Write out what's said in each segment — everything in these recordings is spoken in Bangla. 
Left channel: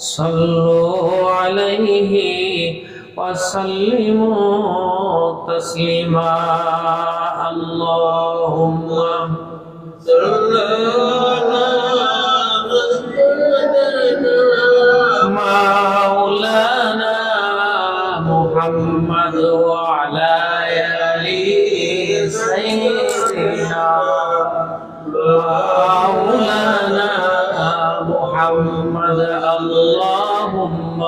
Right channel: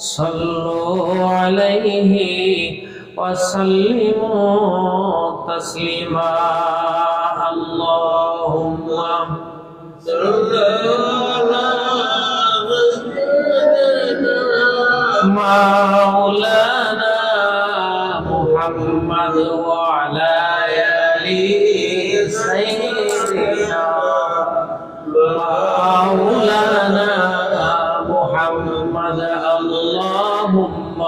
صلوا عليه وسلموا تسليما اللهم صل مولانا محمد وعلى آل سيدنا اللهم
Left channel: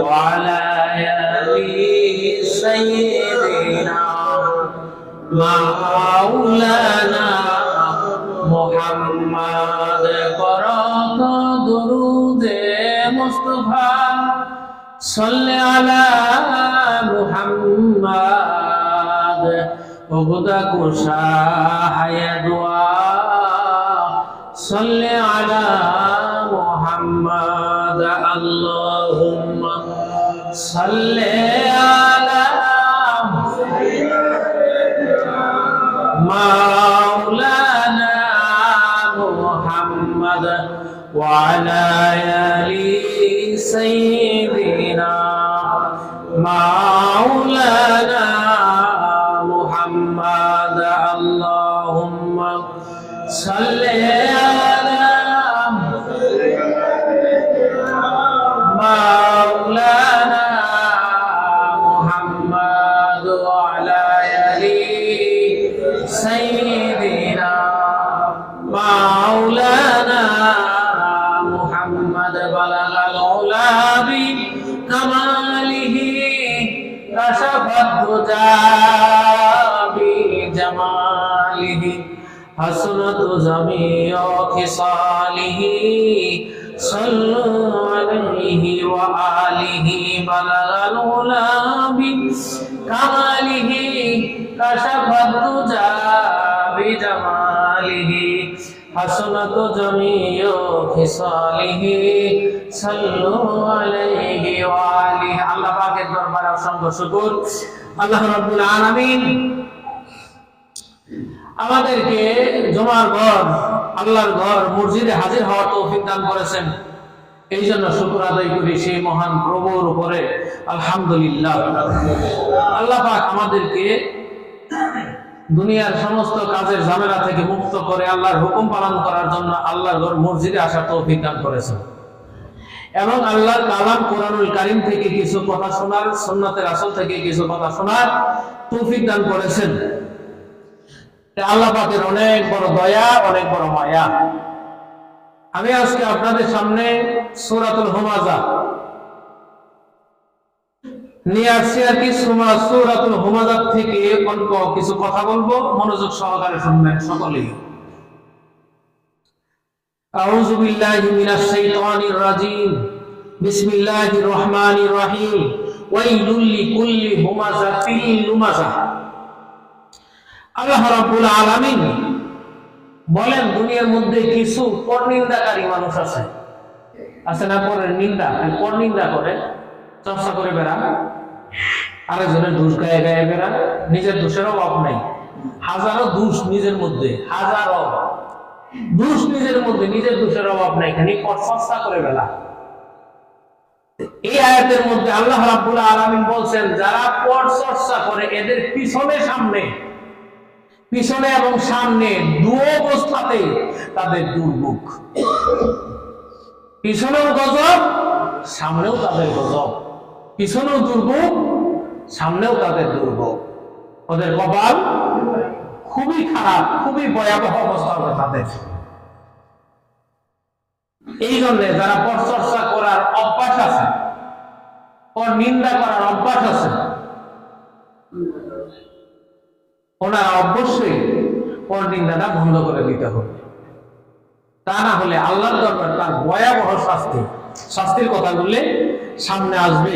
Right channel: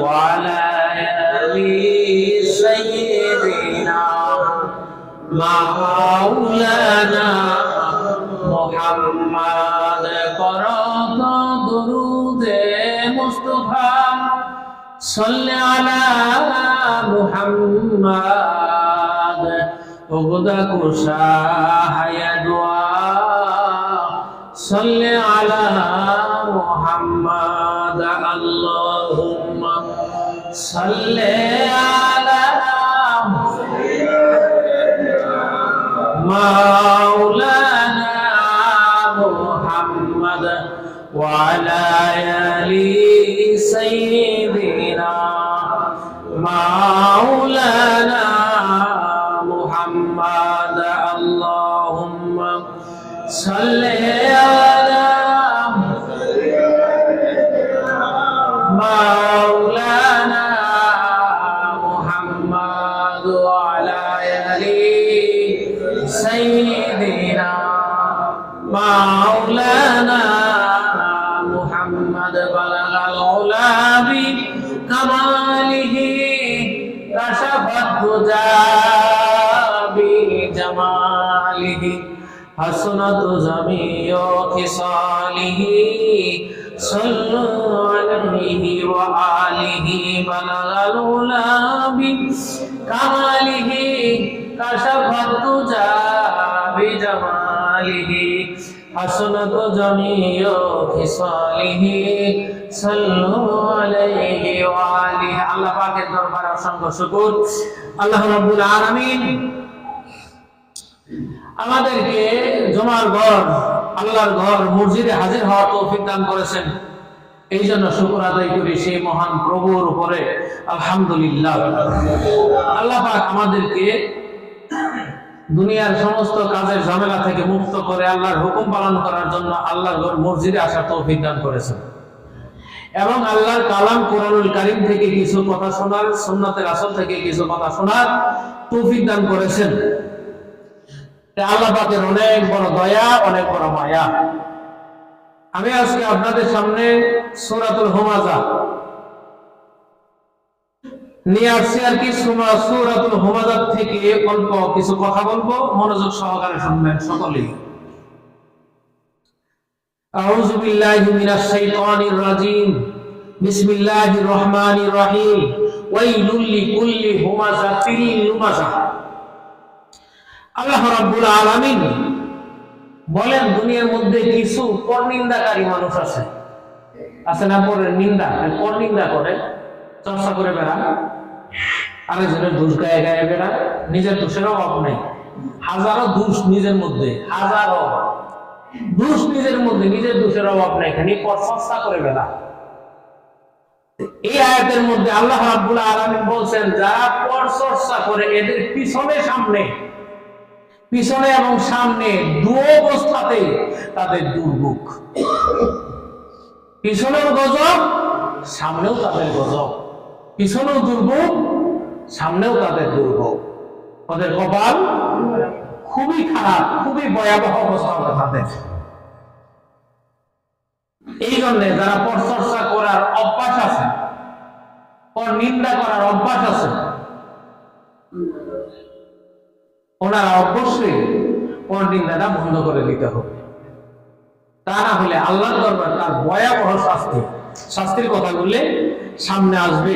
وعلى آل سيدنا مولانا محمد قرأت درود مصطفى صل على وغدا كشاح دعاء صل على محمد اللهم صل على مولانا محمد وعلى آل سيدنا مولانا سيدنا مولانا محمد بلغ العلا بكماله كشف الدجى بجماله حسنت جميع خصاله صلوا عليه وآله بلغ العلا بكماله حسنت جميع خصاله صلوا عليه وآله আল্লাহ পাকের দরবারে অসংখ্য শুকর আল্লাহ রাব্বুল আলামিন আমাদেরকে জমার ঘর আল্লাহর ঘর মসজিদে হাজির হওয়ার তৌফিক দান করেছেন এই জন্য শুকর আদায় করি সেই মহান প্রভুর উপরে আলহামদুলিল্লাহ আল্লাহ পাক আমাদেরকে দুনিয়ার সমস্ত কাজের ঝামেলা থেকে মুক্ত করে আল্লাহর হুকুম পালন করার জন্য আল্লাহর মসজিদে আসার তৌফিক দান করেছেন। এবং আল্লাহর কালাম কোরআনুল কারিম থেকে কিছু কথা শোনার, সুন্নাতের আসল থেকে কিছু কথা শোনার তৌফিক দান করেছেন। আল্লাহ পাকের অনেক বড় দয়া, অনেক বড় মায়া। আমি আজকে আপনাদের সামনে সূরাতুল হুমাজা নিয়ে আসছি আর কি সুমা- সূরাতুল হুমাজা থেকে অল্প কিছু কথা বলবো মনোযোগ সহকারে শুনবেন সকলেই أعوذ بالله من الشيطان الرجيم بسم الله الرحمن الرحيم ويل لكل همزة لمزة আল্লাহ রাব্বুল আলামিন বলেন দুনিয়ার মধ্যে কিছু পরনিন্দাকারী মানুষ আছে আছে না পরের নিন্দা পরনিন্দা করে চর্চা করে বেড়া আরেকজনের দোষ গায়ে গায়ে বেড়া নিজের দোষের অভাব নেই। হাজারো দোষ নিজের মধ্যে, হাজারো। দোষ নিজের মধ্যে, নিজের দোষের অভাব নাই। খানি পরচর্চা করে বেলা এই আয়াতের মধ্যে আল্লাহ রাব্বুল আলামিন বলছেন, যারা পরচর্চা করে এদের পিছনে সামনে, পিছনে এবং সামনে দু অবস্থাতে তাদের দুর্ভোগ। পিছনেও গজব, সামনেও তাদের গজব। পিছনেও দুর্ভোগ, সামনেও তাদের দুর্ভোগ। ওদের কপাল খুবই খারাপ, খুবই ভয়াবহ অবস্থা হবে তাদের। এই জন্যে যারা পরচর্চা করার অভ্যাস আছে পর নিন্দা করার অভ্যাস আছে, ওনারা অবশ্যই পর নিন্দাটা বন্ধ করে দিতে হবে। তা না হলে আল্লাহর দরবার তার ভয়াবহ শাস্তি, শাস্তির কথা বললে সামনে আসবে।